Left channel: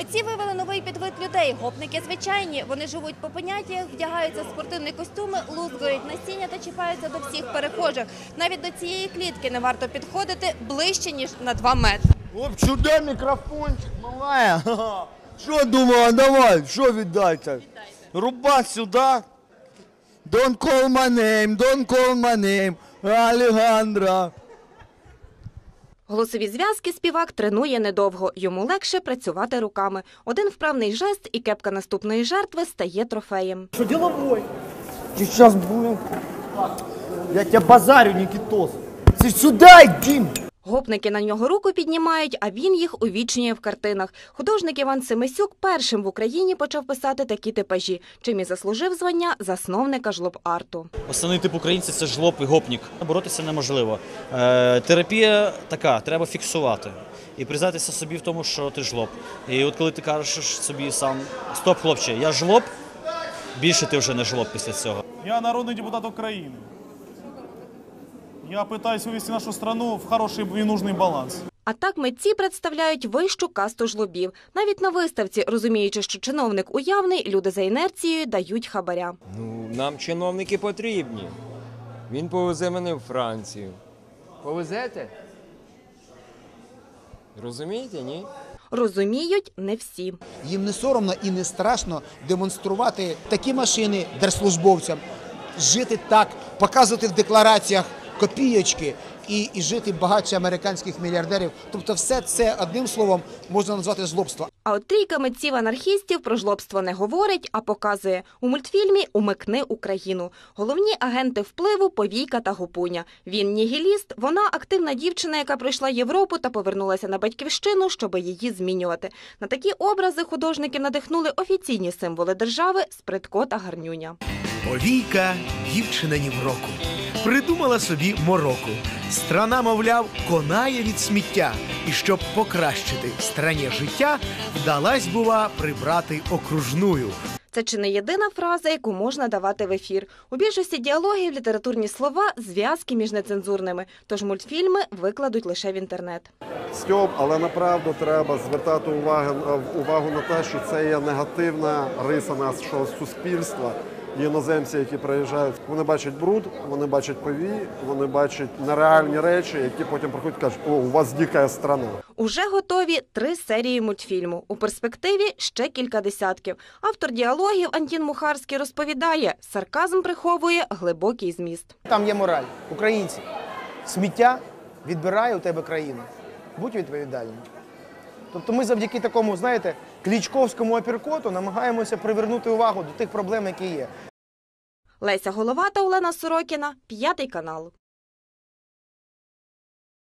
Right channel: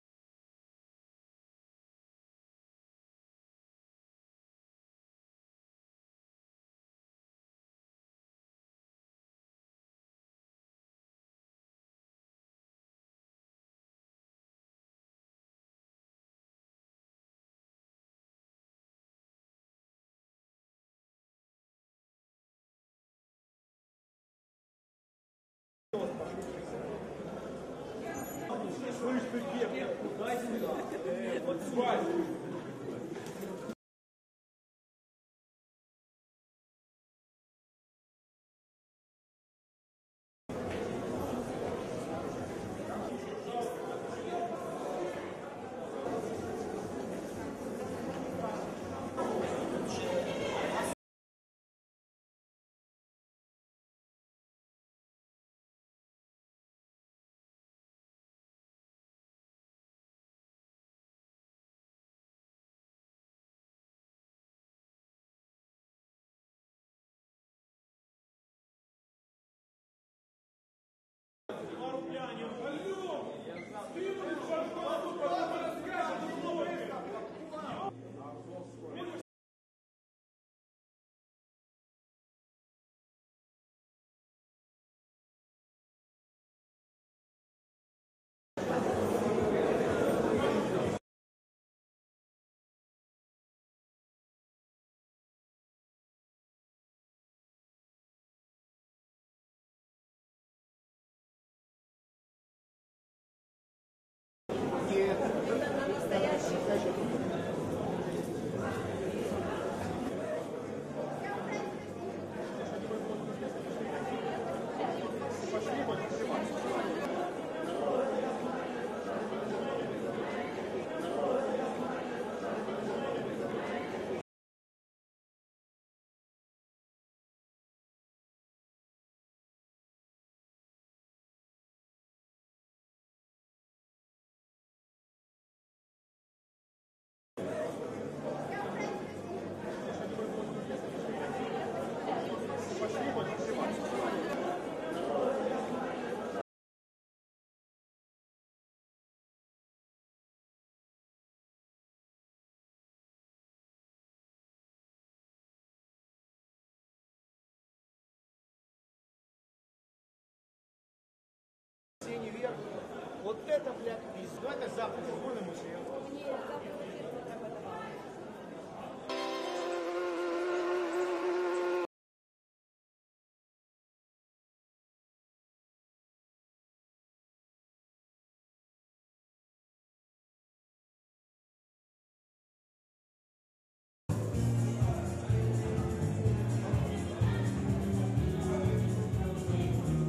Митці вивели новий підвид людей. Гопники звичайні. Вони живуть по поняттях, вдягаються в спортивні костюми, лузгають насіння та чіпаються до всіх перехожих. Навіть до цієї клітки не варто підходити ближче ніж на 2 метри. Оп, сюди мікрофончик, малая. Що думала, давай, що віддайте? Руба сюди. Don't call my name, don't call my name, Алехандра. Голосові зв'язки співак тренує недовго. Йому легше працювати руками. Один вправний жест і кепка наступної жертви стає трофеєм. Що діловой? Ты зараз, будем... Я тебе базарю, Нікітос. Ти сюди, иди. Гопники на нього руку піднімають, а він їх увічнює в картинах. Художник Іван Семисюк першим в Україні почав писати такі типажі, чим і заслужив звання засновника жлоб-арту. Основний тип українця це жлоб і гопнік. Боротися неможливо. Е, терапія така, треба фіксувати. І признатися собі в тому, що ти жлоб. І от коли ти кажеш собі сам стоп, хлопче, я жлоб, більше ти вже не жлоб після цього. Я народный депутат Украины. Я пытаюсь вывести нашу страну в хороший и нужный баланс. А так митці представляють вищу касту жлобів. Навіть на виставці, розуміючи, що чиновник уявний, люди за інерцією дають хабаря. Ну, нам чиновники потрібні. Він повезе мене в Францію. Повезете? Розумієте, ні? Розуміють не всі. Їм не соромно і не страшно демонструвати такі машини держслужбовцям, жити так, показувати в деклараціях копійочки і, і жити багатше американських мільярдерів. Тобто, все це одним словом можна назвати злобство. А от трійка митців анархістів про жлобство не говорить, а показує у мультфільмі Умикни Україну. Головні агенти впливу Повійка та Гопуня. Він нігіліст, вона активна дівчина, яка пройшла Європу та повернулася на батьківщину, щоб її змінювати. На такі образи художники надихнули офіційні символи держави Спритко та Гарнюня. Повійка дівчина ні в року. Придумала собі мороку. Страна, мовляв, конає від сміття. І щоб покращити страні життя, вдалась, бува, прибрати окружную. Це чи не єдина фраза, яку можна давати в ефір. У більшості діалогів літературні слова зв'язки між нецензурними. Тож мультфільми викладуть лише в інтернет. Стьоп, але направду треба звертати увагу, увагу на те, що це є негативна риса нашого суспільства. Іноземці, які приїжджають, вони бачать бруд, вони бачать повій, вони бачать нереальні речі, які потім приходять і кажуть, о, у вас дика страна. Уже готові три серії мультфільму. У перспективі ще кілька десятків. Автор діалогів Антін Мухарський розповідає, сарказм приховує глибокий зміст. Там є мораль. Українці, сміття відбирає у тебе країну. Будь відповідальним. Тобто ми завдяки такому, знаєте, клічковському апіркоту намагаємося привернути увагу до тих проблем, які є. Леся Головата, Олена Сорокіна, п'ятий канал.